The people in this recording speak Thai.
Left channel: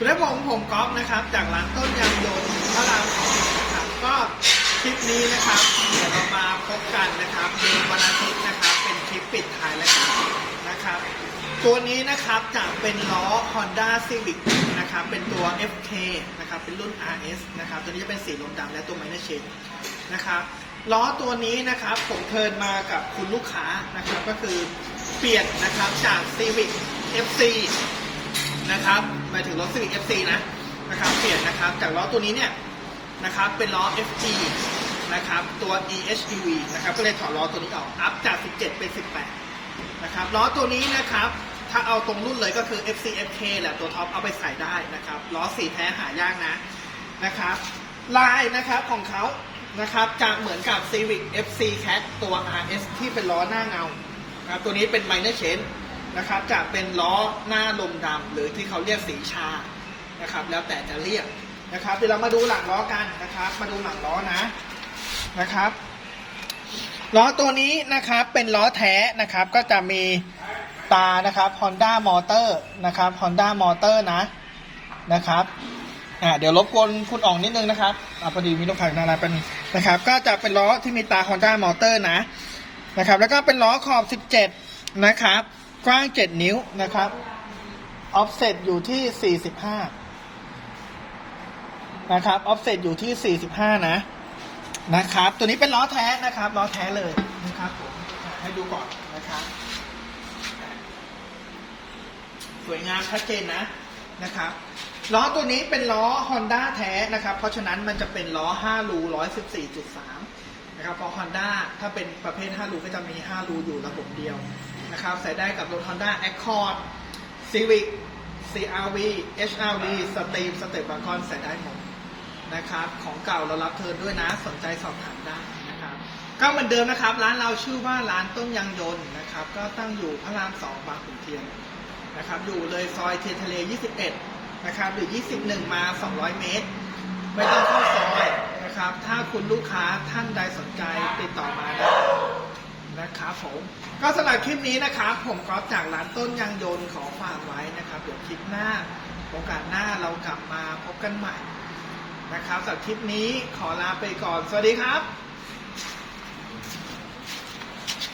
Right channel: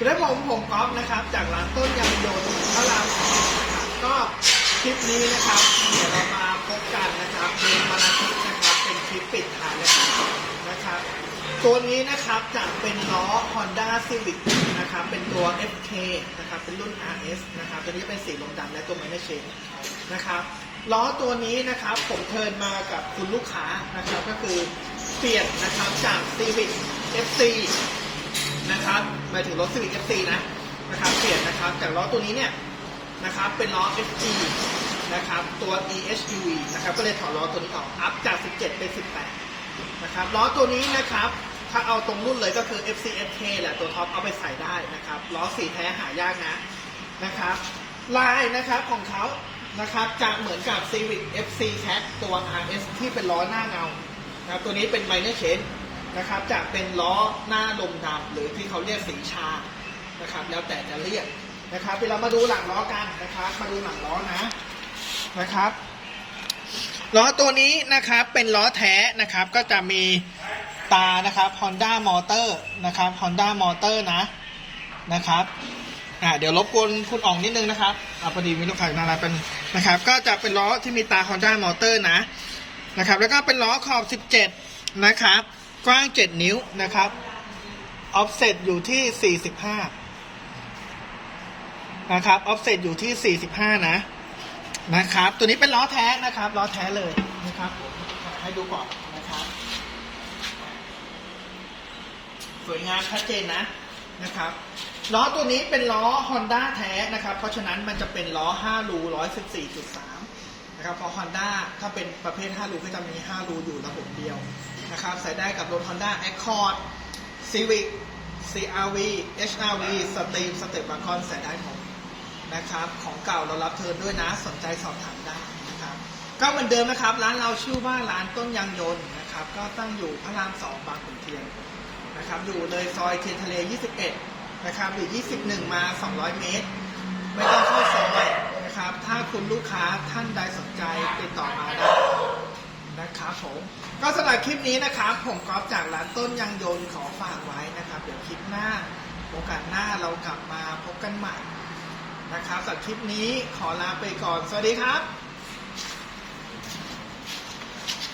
คุณได้ผมผมก๊อฟนะครับ จากร้านต้นยางยนต์พระรามสองนะครับก็คลิปนี้นะครับเดี๋ยวเรามาพบกันนะครับในวันอาทิตย์นะครับ เป็นคลิปปิดท้ายแล้วนะครับ ตัวนี้นะครับจะเป็นล้อ Honda Civic นะครับ เป็นตัว FK นะครับ เป็นรุ่น RS นะครับ ตัวนี้เป็นสีลมดำและตัวไมเนอร์เชนนะครับล้อตัวนี้นะครับผมเทินมากับคุณลูกค้านะครับ ก็คือเปลี่ยนนะครับจาก Civic FC นะครับหมายถึงรถ Civic FC นะนะครับเปลี่ยนนะครับจากล้อตัวนี้เนี่ยนะครับเป็นล้อ FG นะครับตัว EHEV นะครับก็เลยถอดล้อตัวนี้ออกอัพจาก 17 เป็น 18 นะครับล้อตัวนี้นะครับถ้าเอาตรงรุ่นเลยก็คือ FCFK แหละตัวท็อปเอาไปใส่ได้นะครับล้อสีแท้หายากนะนะครับลายนะครับของเขานะครับจะเหมือนกับ Civic FC Cat ตัว RS ที่เป็นล้อหน้าเงานะครับตัวนี้เป็น minor change น นะครับจะเป็นล้อหน้าลมดำหรือที่เขาเรียกสีชานะครับ แล้วแต่จะเรียกนะครับเดี๋ยวเรามาดูหลังล้อกันนะครับ มาดูหลังล้อนะนะครับล้อตัวนี้นะครับเป็นล้อแท้นะครับก็จะมีตานะครับ Honda Motor นะครับ Honda Motor นะนะครับอ่าเดี๋ยวรบกวนคุณอ่องนิดนึงนะครับอ่าพอดีมีลูกค้านาราเป็นนะครับ ก็จะเป็นล้อที่มีตา Honda Motor นะนะครับ แล้วก็เป็นล้อขอบ 17 นะครับ กว้าง 7 นิ้วนะครับ offset อยู่ที่ 45 นะครับ offset อยู่ที่ 45 นะ นะครับ ตัวนี้เป็นล้อแท้นะครับล้อแท้เลยนะครับผมให้ดูก่อนนะครับ สวยงามชัดเจนนะนะครับล้อตัวนี้เป็นล้อ Honda แท้นะครับ เพราะฉะนั้นมันจะเป็นล้อ 5 รู114.3 นะครับเพราะ Honda ถ้าเป็นประเภท 5 รูก็จะมี 5 รูอยู่ระบบเดียว นะครับ ใส่ได้กับรถ Honda Accord Civic CRV HRV Steam Step w a g o n ใส่ได้หมดนะครับ ของเก่าเรารับเทิร์นด้วยนะ สนใจสอบถามได้นะครับ ก็เหมือนเดิมนะครับ ร้านเราชื่อว่าร้านต้นยางยนต์นะครับ ก็ตั้งอยู่พระรามสองบางขุนเทียนนะครับ อยู่เลยซอยเทียนทะเล 21 นะครับหรือ 21 มา 200 เมตร ไม่ต้องเข้าซอยนะครับ ถ้าคุณลูกค้าท่านใดสนใจติดต่อมาได้ นะครับผมก็สำหรับคลิปนี้นะครับผมกอฟจากร้านต้นยางยนต์ขอฝากไว้นะครับ เดี๋ยวคลิปหน้าโอกาสหน้าเรากลับมาพบกันใหม่นะครับสำหรับคลิปนี้ขอลาไปก่อน สวัสดีครับ